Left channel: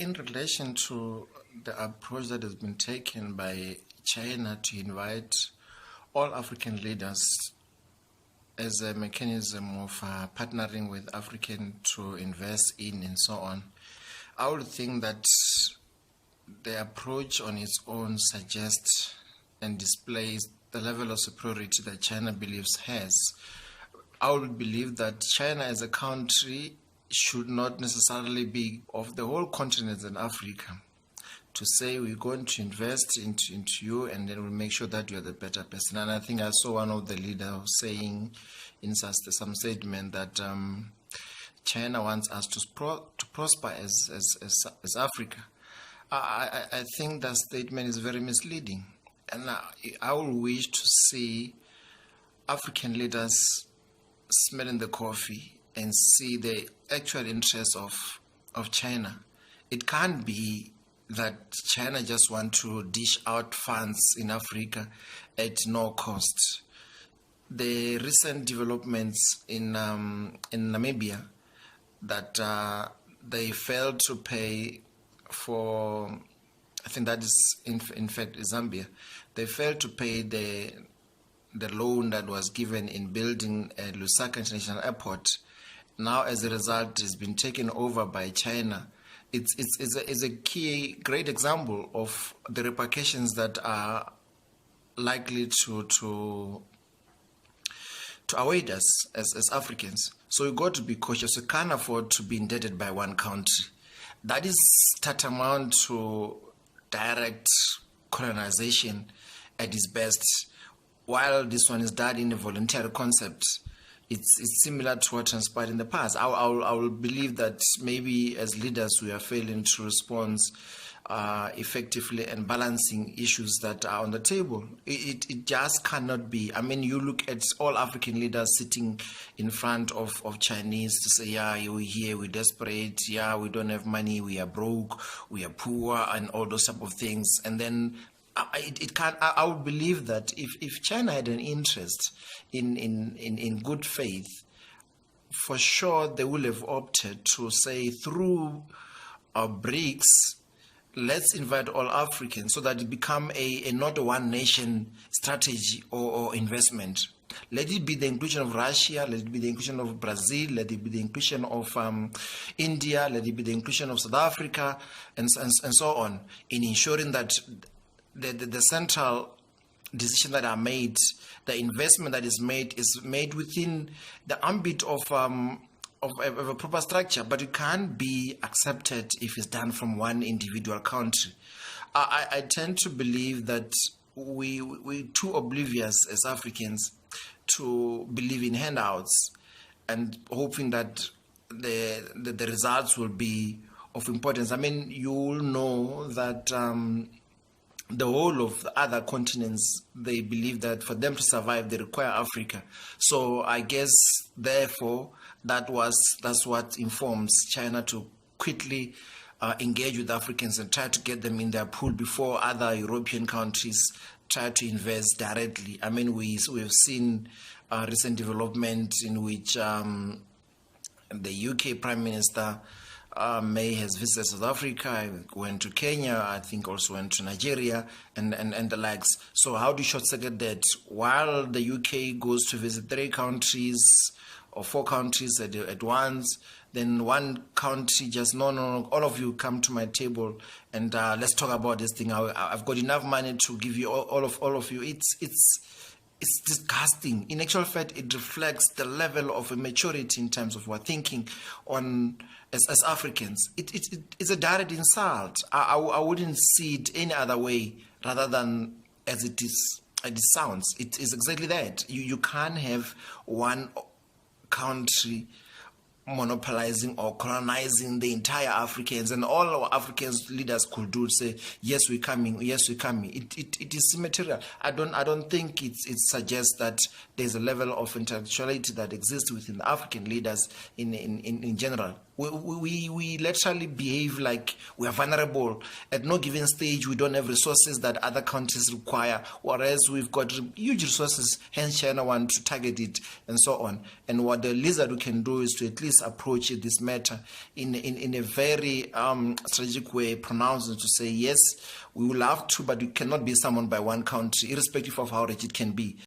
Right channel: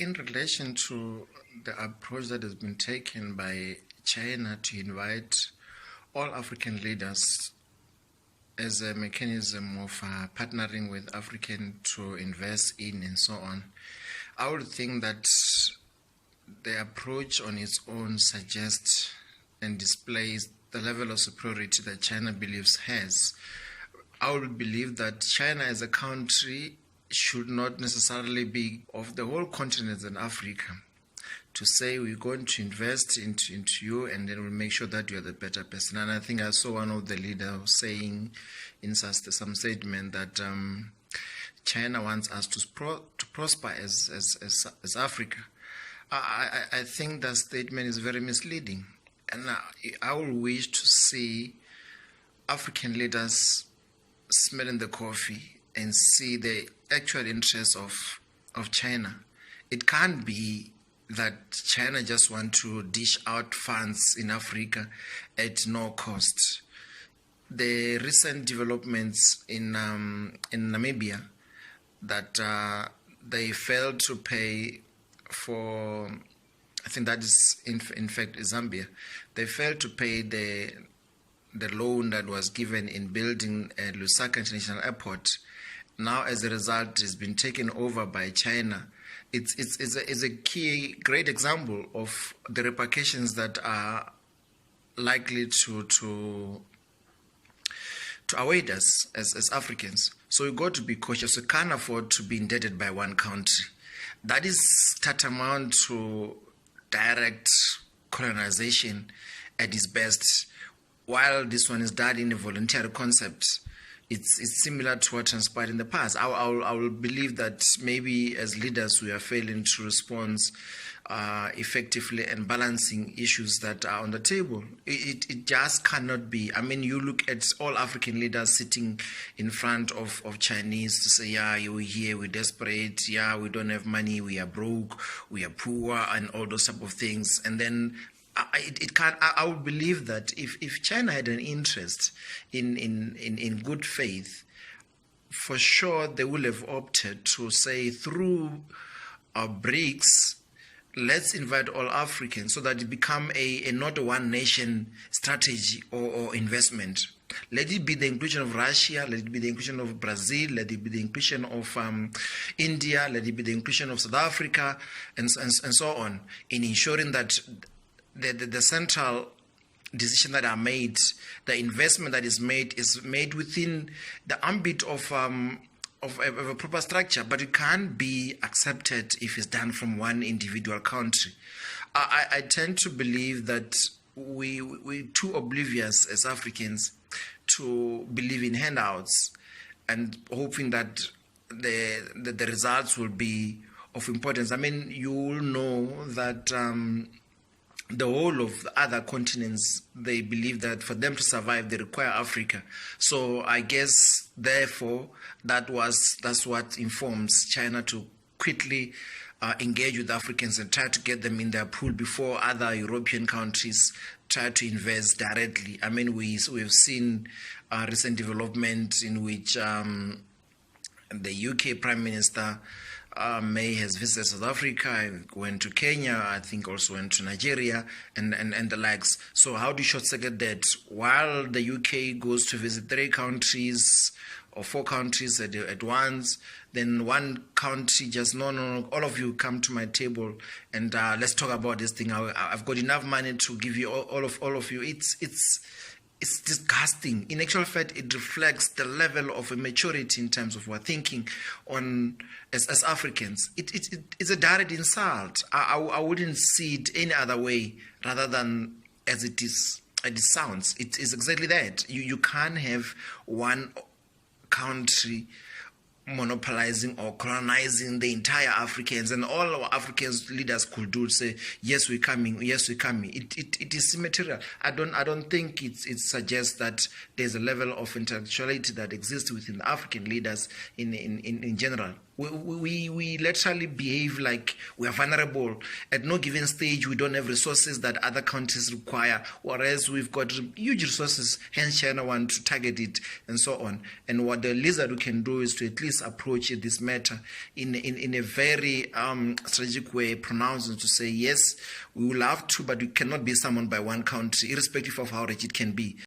In relation to the approach that has been taken by China to invite all African leaders as a mechanism of partnering with African to invest in and so on, I would think that the approach on its own suggests and displays the level of superiority that China believes has. I would believe that China as a country should not necessarily be of the whole continent in Africa to say we're going to invest into you and then we'll make sure that you're the better person. And I think I saw one of the leaders saying in some statement that China wants us to prosper as Africa. I think that statement is very misleading. And I would wish to see African leaders smelling the coffee and see the actual interests of China. It can't be that China just want to dish out funds in Africa at no cost. The recent developments in Namibia that they failed to pay for, I think that is in fact Zambia, they failed to pay the loan that was given in building a Lusaka International Airport. Now, as a result, it's been taken over by China. It's a great example of the repercussions that are likely to await us as Africans. So we've got to be cautious. We can't afford to be indebted by one country. That is tantamount to direct colonization at its best. While this one is done in a voluntary concept, it's similar to what transpired in the past. I will believe that maybe as leaders we are failing to respond effectively and balancing issues that are on the table. It just cannot be. I mean, you look at all African leaders sitting in front of Chinese to say, yeah, we're here, we're desperate, yeah, we don't have money, we are broke, we are poor, and all those type of things. And then I would believe that if China had an interest in good faith, for sure they would have opted to say through BRICS, let's invite all Africans so that it become a not a one nation strategy or investment. Let it be the inclusion of Russia, let it be the inclusion of Brazil, let it be the inclusion of India, let it be the inclusion of South Africa, and so on, in ensuring that the central decision that are made, the investment that is made within the ambit of a proper structure, but it can't be accepted if it's done from one individual country. I tend to believe that we're too oblivious as Africans to believe in handouts and hoping that the results will be of importance. I mean, you will know that the whole of the other continents, they believe that for them to survive, they require Africa. So I guess, therefore, that's what informs China to quickly engage with Africans and try to get them in their pool before other European countries try to invest directly. I mean, we've seen recent developments in which the UK Prime Minister May has visited South Africa, went to Kenya, I think also went to Nigeria, and the likes. So how do you short-circuit that? While the UK goes to visit 3 countries or 4 countries at once, then one country just, no, all of you come to my table and let's talk about this thing. I've got enough money to give you all of you. It's disgusting. In actual fact, it reflects the level of immaturity in terms of our thinking on as Africans. It's a direct insult. I wouldn't see it any other way rather than as it sounds. It is exactly that. You can't have one country monopolizing or colonizing the entire Africans, and all our Africans leaders could do say, yes, we're coming. It is immaterial. I don't think it suggests that there's a level of intellectuality that exists within the African leaders in general. We literally behave like we are vulnerable. At no given stage, we don't have resources that other countries require, whereas we've got huge resources, hence China want to target it and so on. And what the lizard can do is to at least approach this matter in a very strategic way, pronouncing to say, yes, we will have to, but we cannot be summoned by one country, irrespective of how rich it can be.